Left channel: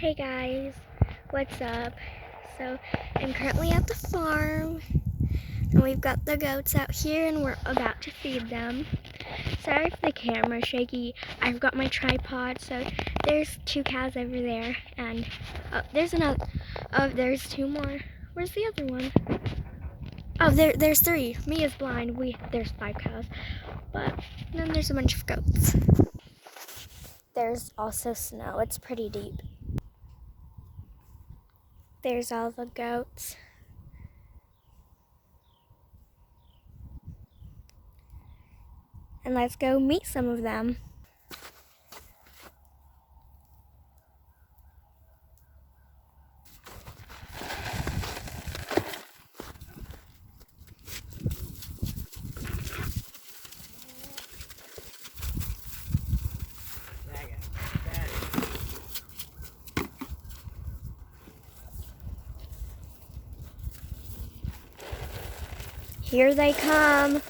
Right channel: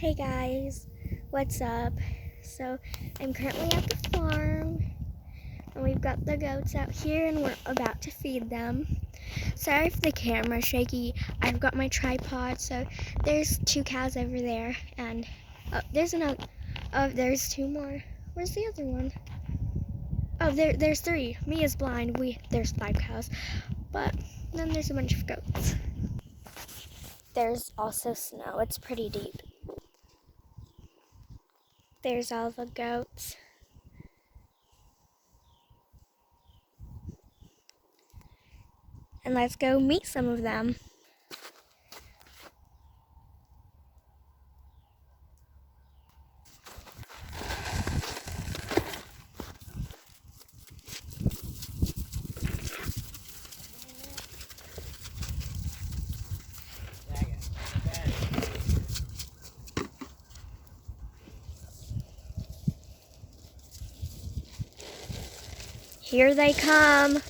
Hey guys, what's up? So I'm currently at the farm and we've got the goats out here and we're about to feed them. Sorry if the camera's shaky. I've got my tripod, so there's 2 cows over there and there's another. Oh, there's 2 more. Where's the other one? Oh, there's 3. Mia's blind. There's 5 cows, but then there's a bunch of goats. There's also snow. It's pretty deep. There's all the goats. And let's go meet some of them. Here they come.